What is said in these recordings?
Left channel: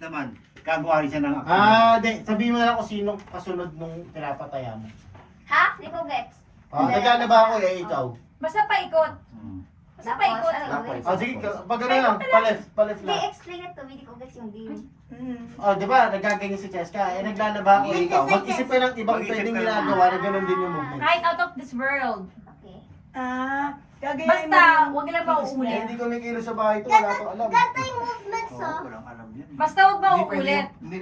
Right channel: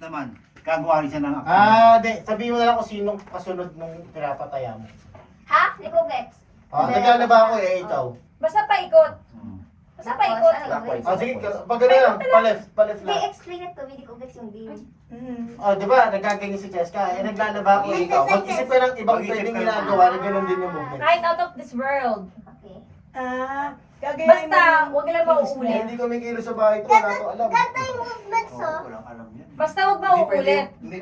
naman. Gagawa rin siya ng action. Di. Sabihin mo na lang kung sino kasunod nung pinapatayan. Ha? Di ko gets. Nagana ba ako ikaw? Basta paikot. Basta paikot. Sige, pag gano'n lang, pa-left Hindi, lang. explain it to me. Di ko gets yung game. Di ba, nagkaganyan si Cheska, naglalaba ako ikaw. Mag-isip ka ng ibang pwedeng ginagawa na gano'n din yung movement. Right out of this world. Okay. Basta, huwag nila mauulit. Hindi ko nangyayon sa bahay ito, wala ko alam. Ganto yung movements, oh. Walang alam yan. Basta huwag mauulit. Hindi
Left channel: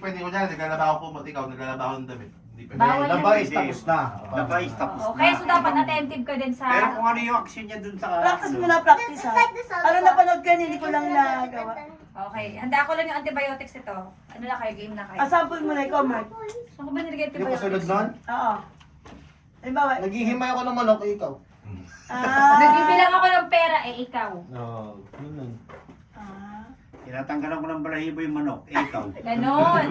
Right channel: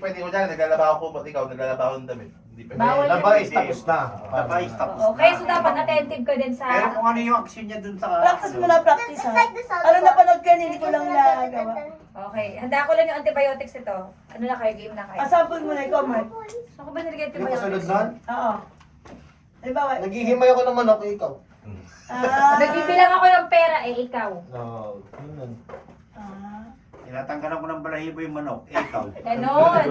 pwede ko dyan, naglalaba ako kumot, ikaw naglalaba ako ng damit. Hindi pwede. Bawal. Labay, tapos na. Napais tapos Oo, kaya so dapat attentive ka din sa... Pero kung ano yung action niya dun sa... Practice mo na, practice ha. Ano napanood ka, hindi ko lang nagawa. Okay, handa ko lang yung antibiotics ito. Ano na kayo, game na kayo. Sample mo na ikaw, Mark. Ako ba nilagay Yung kasunod antibiotics? nun, Oo. Ay, bakit? naghihimay ako ng manok, ikaw. Nagbibilang ako ng pera, ikaw. Yun. Tinatanggalan ko ng balahibo yung manok. Ikaw. Ganon.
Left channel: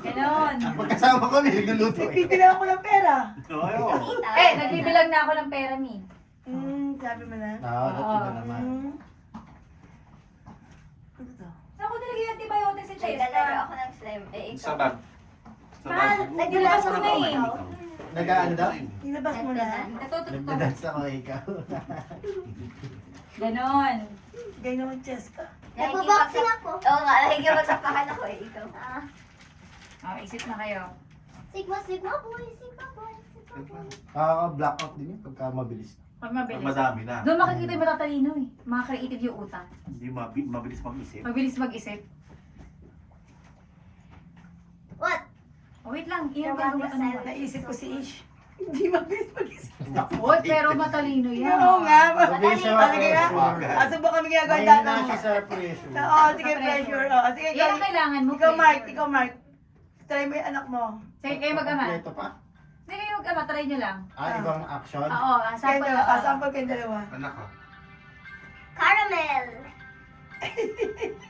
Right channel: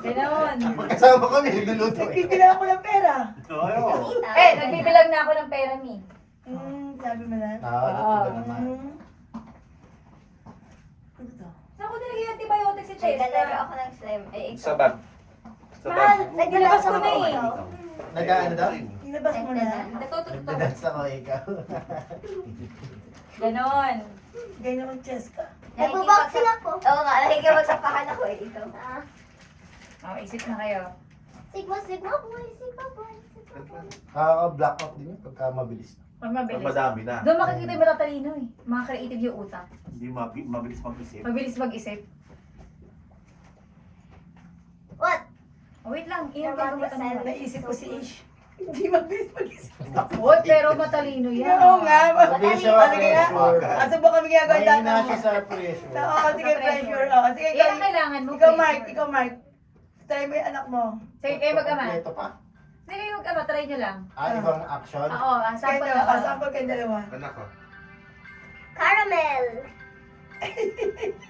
Ganon. Magkasama kami, nagluluto eh. Nagbibilang ako ng pera. Oo. Nagbibilang na ako ng pera ni. Sabi mo na. Nakakalimutan naman. Saan ko nilagay yung antibiotics si Naglalaro Cheska? ako ng slime. Sa bag. Sa bag. Mahal, naglabas ko na eh. Nag-ano daw? Ilabas mo na. Natutugtog. Nagdadance ako, ikaw. Ganon. Ganyan mo, Cheska. Nagbo-boxing ako. Oo nga, nakikipagsapakan ako eh. Ikaw. Oh, isip na kayo. Sigma, sigma boy, sigma boy, sigma boy. Nakaka-blackout din yun pagka mabilis. Pag Pag mabilis. madami na. Doon makikita yung mga talino eh. Mga creative yung utak. Hindi mabilis mag-isip. Mabilis mag-isip. What? Oh, wait lang. Iyan tayo magkatanong. Naisip ko si Ish. Hindi mabilis mag-isip. Oh, pero matalino yan. Oo nga. Mabilis siya Ano kaya? mag-pressure. Asa ba kami ginagawa Mahina dati? siya sa pressure. Oo, sige, pressure. Oo, sige, Yan ang kailangan mo. ikaw, Mark. Try mo yung anak mo. Sige, kayo mag-ama. Ito pa? Sige, kayo mag-ama. Try nyo lang. Ibang action? Oo, sample Kaya ako. sample kayong dalawa. Anak ko. Caramel.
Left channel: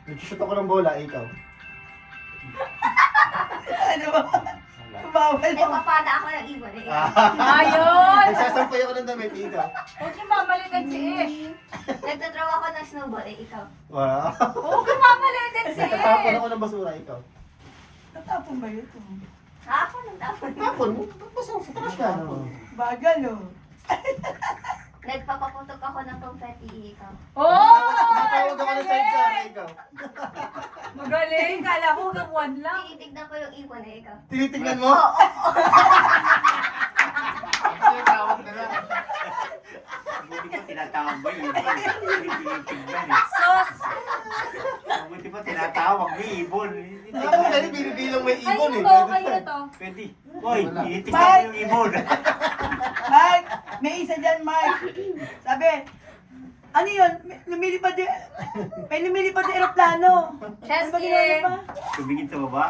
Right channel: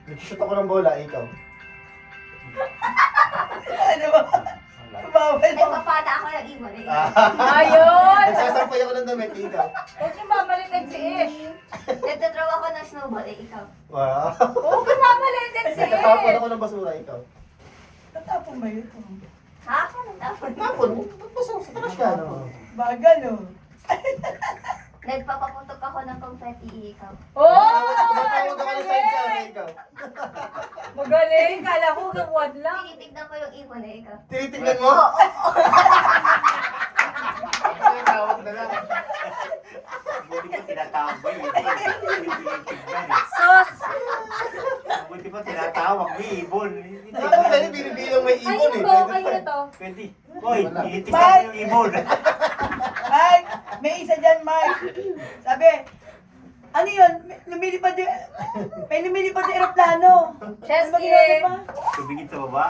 Nagsusot ako ng bola, ikaw. Ano ba? Bawal naman. Nagpapata ako ng ibon eh. Ayun! Nagsasampay ako ng damit, ikaw. Huwag niyo mamalitin si Ish. Nagtatraw ako ng snowball eh. Ikaw. Wow. Huwag niyo mamalitin si Nagtatapon Ish. ako ng basura, ikaw. Tatapon ba yun? Ha? Anong tapon? Tapon, basura sa taas ka. Bagal, oh. Nagpapaputok ako ng confetti. Ikaw. Oh! Tumatawag ako ng sidecar, ikaw. Magaling. Kala ko kakuan lang. Tinitignan ko yung ibon eh. Ikaw. Tinitingnan mo? Tawag na lang. Buti pa tinatawag mo yun. Tinitingnan eh. Sos! Buti pa tinatawag mo ibon. Ako pwede binibilang may Ay, ibon eh. ito. Kayo ito. Pwede. Hoy, iitignan mo yung ibon. Mark, may isa dyan, Mark. Sabi, ano yun? Lumilipad yung, may lumilipad yung aeroplano. Chesky. Ano ba ginagawa pa? Tumingin sa baba.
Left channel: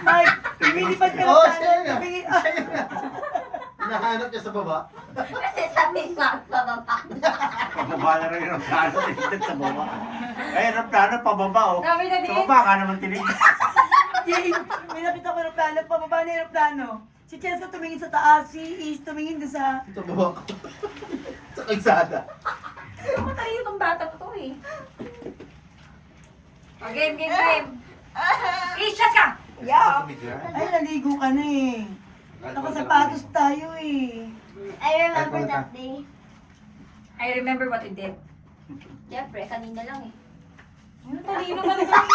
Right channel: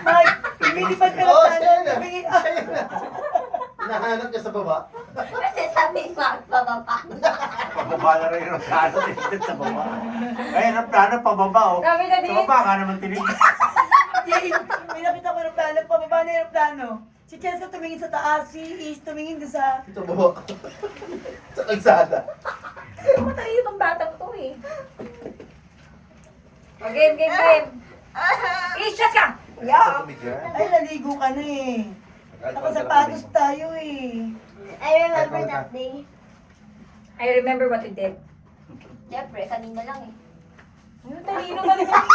Mark, lumilipad yung Oo, aeroplano. siya na. Tumingin, Nahanap niya sa baba. Kasi sabi magpababa. Pababa na rin yung plano dito sa baba. Eh, ang plano pababa oh. Sabi na Sa din. baba ka naman tinignan. may nakita ko aeroplano, pababa na yung aeroplano. Si Chelsea tumingin sa taas, si Is tumingin doon sa... Ito baba. Sa kalsada. Matay itong batang to eh. O, game. Ish, just ka! Yeah. Ay, naligo ka na eh. Nakasapatos tayo eh. I remember that day. I remember what you did. Siyempre, kanina lang eh. Ano, talino na lang.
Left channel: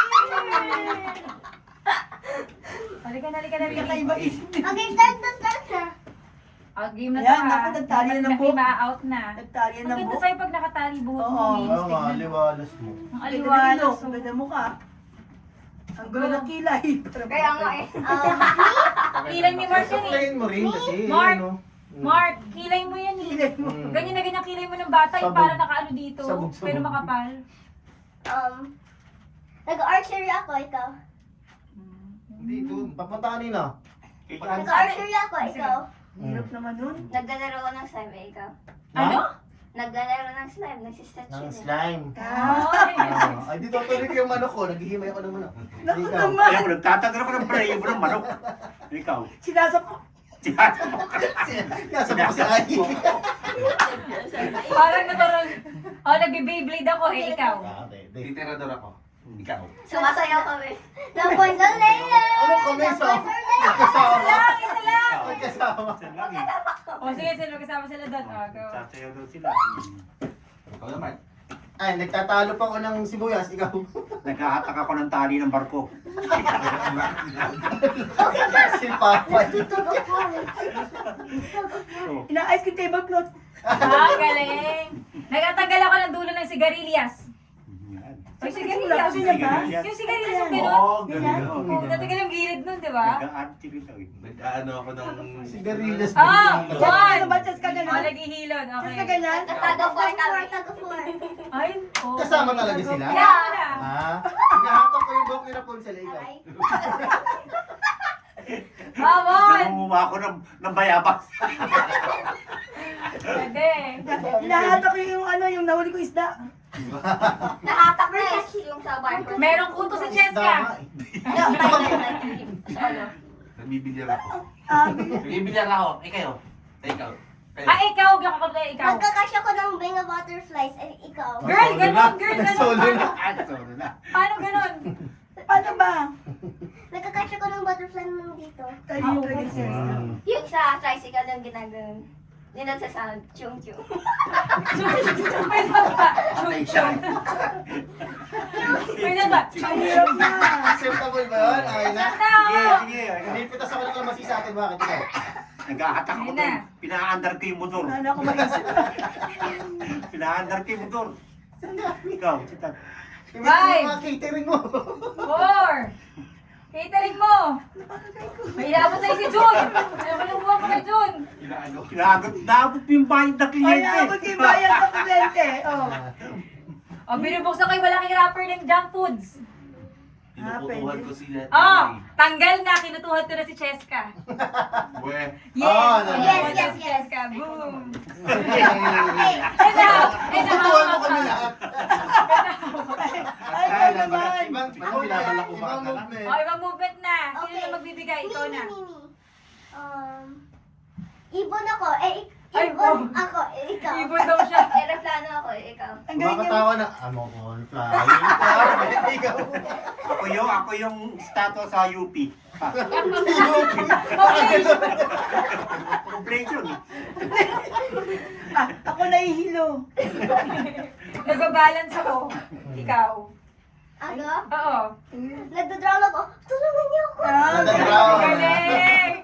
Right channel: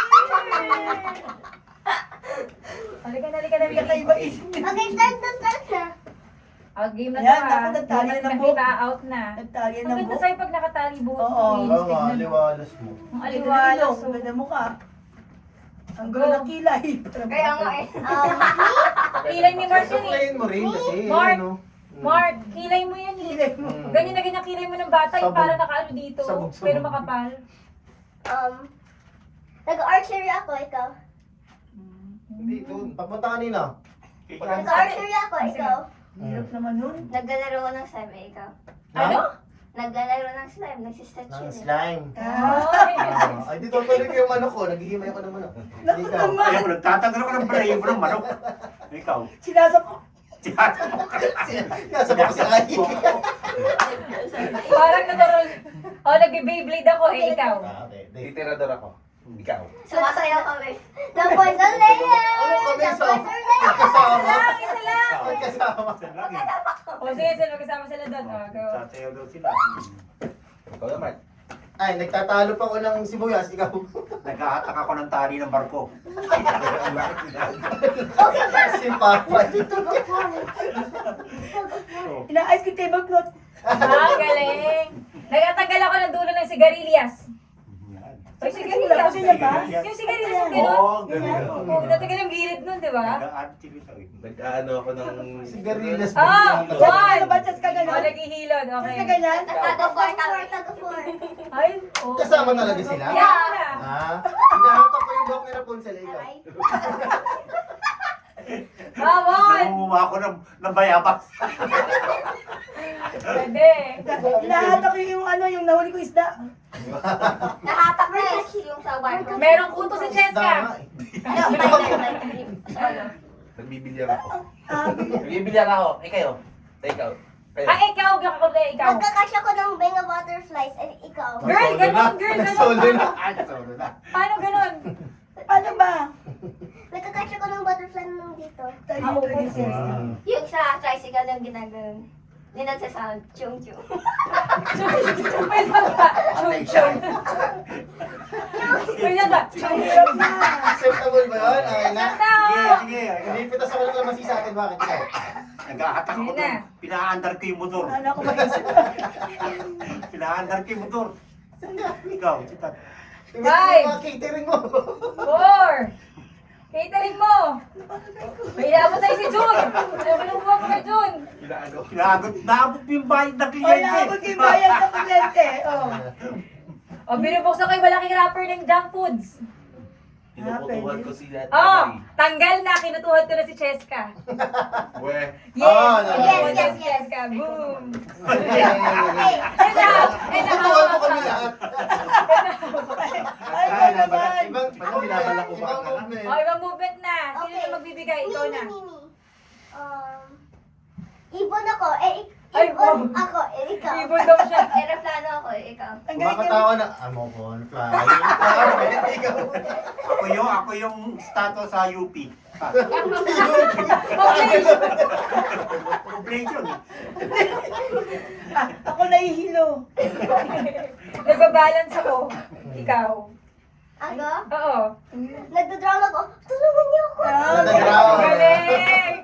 Halika. Kakaiba isip niya. Okay, start na. Out game na to Yan, ha. ako, nagtali na po. Ma-out na. Nagtali Ang na ganda buhok. sa'yo pag nakatali buhok mo. Oo, Linis, Oo, tignan mo. aliwalas mo. Ang Ang aliwalas. ganda ng mukha. Ang gulo ng kilay. Kaya nga eh. Kilay ni Mark yun eh. Suklayin mo rin kasi. Mark. ano. Mark, kilay mo yan eh. Kilay mo. Ganyan na ganyan kilay mo ng bata, yung Sabog. para nakaano dito, Sabog. pero makapal. Nag-archery ako, ikaw. Hindi, doon. Papunta kanina. Nag-archery ako, ikaw. Hirap naman nun. Naglalaro ko ng slime eh, ikaw. Ano? Naglalaro ng slime, nagsistretch Ng yun eh. slime. Ay, Ay, dito tuloy ko yung manok ko. Naghihimay ko ng manok. Naku Ikaw. naman. Ayaw, nagtatanggal ako ng balahibo ng manok. Ikaw. Sinasap ko. Tiyatawag ka. Nasa baka si Ay. parang natural. Oh, nag-Beyblade ako eh, ikaw. Okay, Titirador ako. Ikaw. Sumasayaw kami. The boys are later! Ano kami The sa... boys are later! Magkasama. Isa lang! Magkasama. Isa lang eh. O sige, sino kasama sila doon? O, go. Sasayaw daw sila. Ikaw naman. Ay, nagtatalo pa ko ng sibuyas, ikaw. Naghahatak ako ng tali ng barko. Si Papa. Oh. Ina-ice cream tablecloth. Ah, galing. Nagtatanggal ako ng dulo ng sigarilyas. Yan. Ay, sigarilyas. Ganyan ba? Yung sigarilyas yung gano'n. Oo, ganyan. Oo, natagal yung gilid nun, di ba? Nag-aartig ito eh. Nag-ano ako ng... Sigarilyas. Ah! Ano ba, Chess ka O, gano'n? naghihilod. Chess ka Okay. ganyan? Tagafor kami. Tagafor. Ay, oo. Kasama talaga sila? Kasama na. Ah, hinahatak ko yung bak ni Rapunzel, ikaw. Aray. Bawal! Nangunguha ako ng bayabas. Pwede. Hinahatak ko yung ano, yung nahuli ko isda. Nahatak na yung sa barko. Merong kuto si Cheska. Dama eh. Ano? Nagbibilyar ako. Ah, Nagbibilyar ako. Ikaw. Ikaw. Kayo. Ay, ikaw, ikaw. Magkakasya ko ng bang of butterflies ay ikaw. Girl, ganon, girl, Solo ganon. na. Ay, solo na. Paano ganon? ano ba? Nagkakasya ko ng butterfly nung dito. Tayo yung producer. Yung sa tricycle yung ginagano. Hindi nagsasound. Chung chung. Patay siya. Wait lang ba? Ang hirap na. Acceptable ba yun? Okay na? Sige, sige. Hindi pitas ako lang naman sa akin, bakit ikaw? Naghahatak ako Sige na. doon. Pinaandar ko yung motor. Ano ako mag-isip. Pinaandar ko yung motor. Ikaw, sitat. Hindi Five. mga catering mo. 4. Catering mo. May inabot tayo si Jun. Ano ba nabuha pa kay Jun? Inaano. Naabot yung bayad na Ay, kliyente. naabot yung bayan sa kliyente. Oh. O, binubuksan ko yung malaking wrapper ng junk foods. Pinuputuhan ko sila. Oh, tanggal na. Kinutuhan ko na si Cheska. Weh. Yes. Ah, yes, kinutuhan ko yes, si yes. Cheska. Boom. Okay. Tuturuan mo kami lahat. Ay, Kaya ano na ba? naman? Ibang binabalak ko ba ibang ka na? movement. O, ibang movement na. Sino Okay. na magbibigay? Ikaw na. Mimi. Ibon ako. Ay, Ibon oh. ako. Ikaw. Ibon daw siya. Aeroplano ako. Ikaw. Ang galing niya. Kumakatawa na, ano ko, fly. Ikaw. Ako yung status sa UP. Operation. Ako nahihilo. Nag-balance ako. Ikaw. Ako? Oo. Nagdodrama ako. Tulungan niyo ako. Ah, Galing.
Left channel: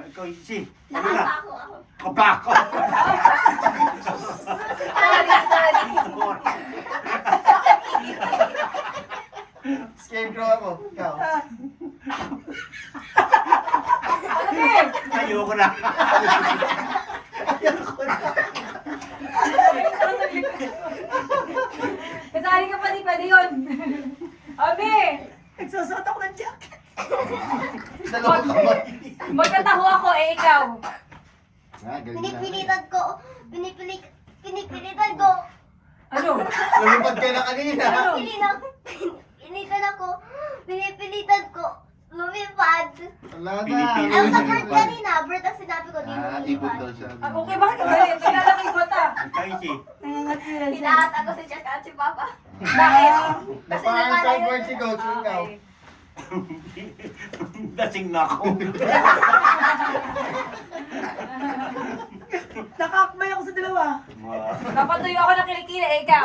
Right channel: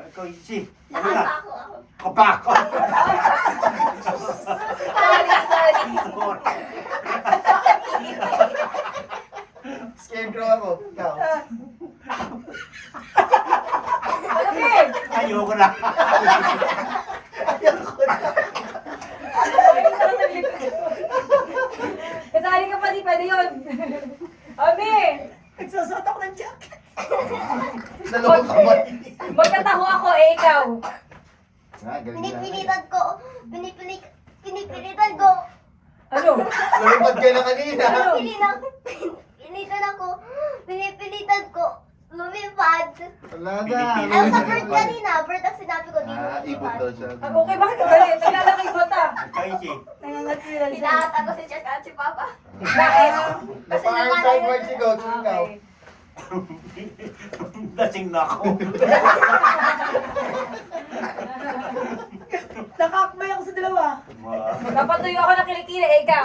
Ikaw, si. Nakaka ako. Kapak. Sorry. Scarecrow ako. Ikaw. Alamig. Ayoko na. Kasali ka pa, di pwede yun. Ami, Nagsusot ako ng jacket. Dalawang kamay. magkataho ako ikaw. Ah, galing na. Pinipilitan ko. Ano? Lumipad ka na kanina. Pinipilitan ko. Lumipad. Talaga. Ayaw sa bird kanina. Bird ang sinabi ko. Di Ah, ibon daw siya. Ah, okay, bakit ka galit? Naglalaki ba ta? Ikaw, si. Nangangatira siya. Hinahat ako si Jack at si Papa. Bakit? Napaka-iron five words si Coach. Ah, Ikaw. okay. Dasing na ako. Nakakabay ako sa dalawa. Dapat tuyo ako ng kilikili, ikaw.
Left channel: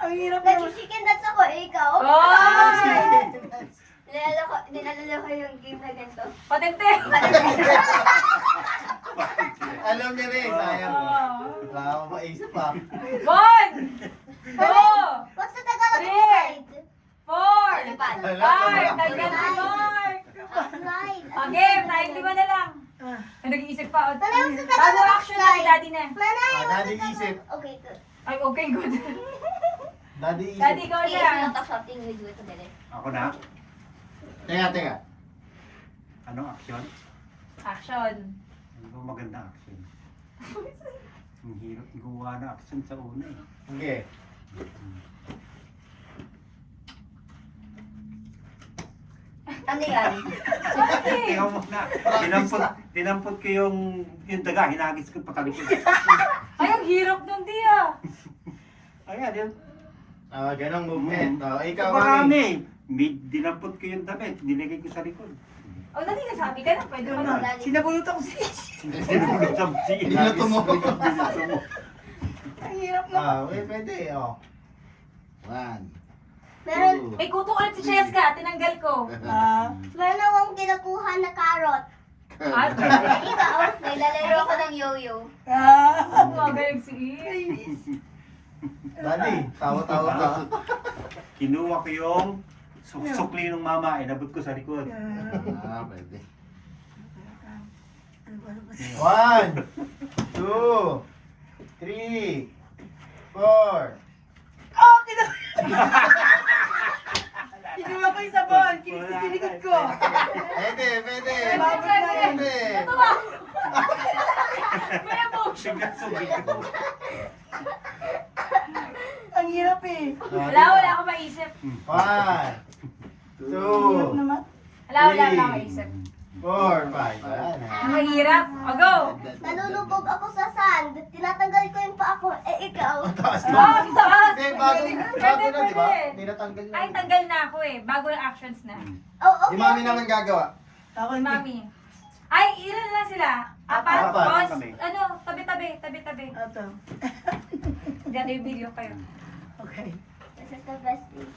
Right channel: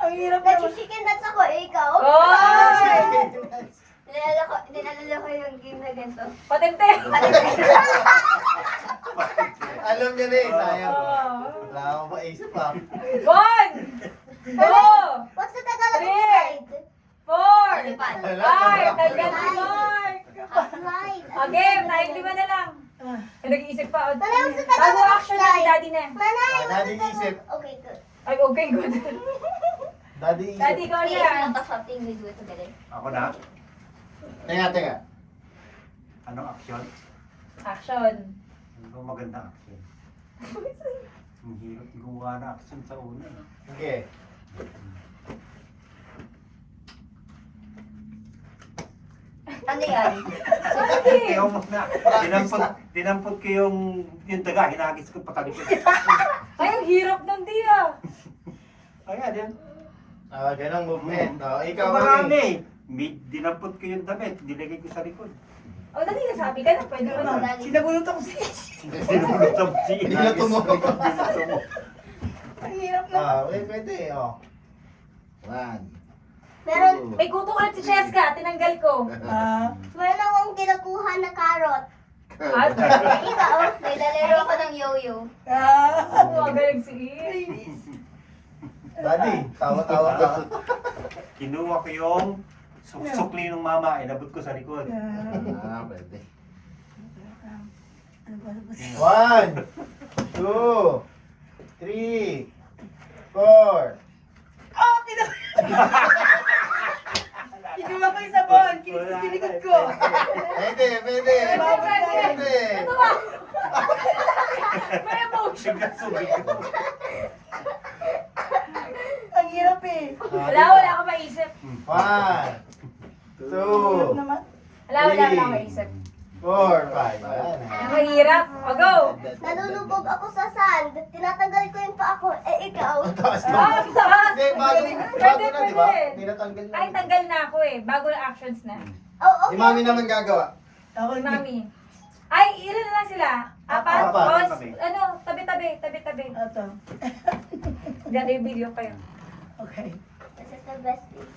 Ang hirap naman. Nag-chicken dance ako. Ikaw. Oy! Dinalala ko yung game na ganito. Patente. Alam niya na eh. Sayang. Oo. Wala akong maisip pa. 1, 2, What's the Tagalog of Three. slide? 4, Lipad. 5, tagyan si Mark. Slide. Okay, tayong 5 na lang. Ah. Ay, nag-iisip pa. Pero ang sa Paano Tagalog of action na si slide? Daddy na? Manay, Ah, Daddy what's the isip. Tagalog? Okay, good. Ay, okay, good. Daddy Daddy, isip. ikaw Okay, siya. not something we do it together. Ako na. Teka. Anong action? Action. Hindi ko maganda action. Ang hirap gumawa na action sa una eh. Sige. Ano yan? Ikaw muna. Dinampot ko yung daga, hinagis ko patalikod. Ay, ang hirap nun, Tia. Ayan, yan. Ganang movement. Ikaw, Marami. May dinampot ko yung damit, nilagay ko sa likod. O, dali na sabi ka na. Pwede mo na. Sinabulot ako sa Sinulutang Niluto mo. Ang hirap na. Pwede. One. Meron, May kuto ka si Cheska. Tinanggal ko. meron akong kinukuha na carrot. At, Ikaw, may lalaro ko ng yo-yo. magaling si Buddy, tawa-tawa ka. Kinuha ko yung sukli ng mama, inabot ko sa likod. Pwede. 1, 2, 3, 4. Kinuha ko yung sabon. Kinikot ko. Pwede. Babot na yan. Pwede. May emotion. Bigla sumigaw. Ang hirap eh. Wala akong maisip. 1, 2, Wala akong maisip. 4, 5. Ang mahirap. O, go. Nalulubog ako sa sand. Tinatanggal ko yung paa ko. Ikaw. Taas Oh, na. ang taas. Hindi, bago Pwede, na, di ba? pwede. Tinatanggal na. Ay, tanggal na ako eh. Bago na actions na. Oh, Si okay. Mami naman gagawa. Ako Si hindi. Mami. Ay, ilan na lang sila? Apat? Apat. O, Kami. ano, tabi-tabi. Ito. Ganda yung video kayo. Okay. This is the best thing.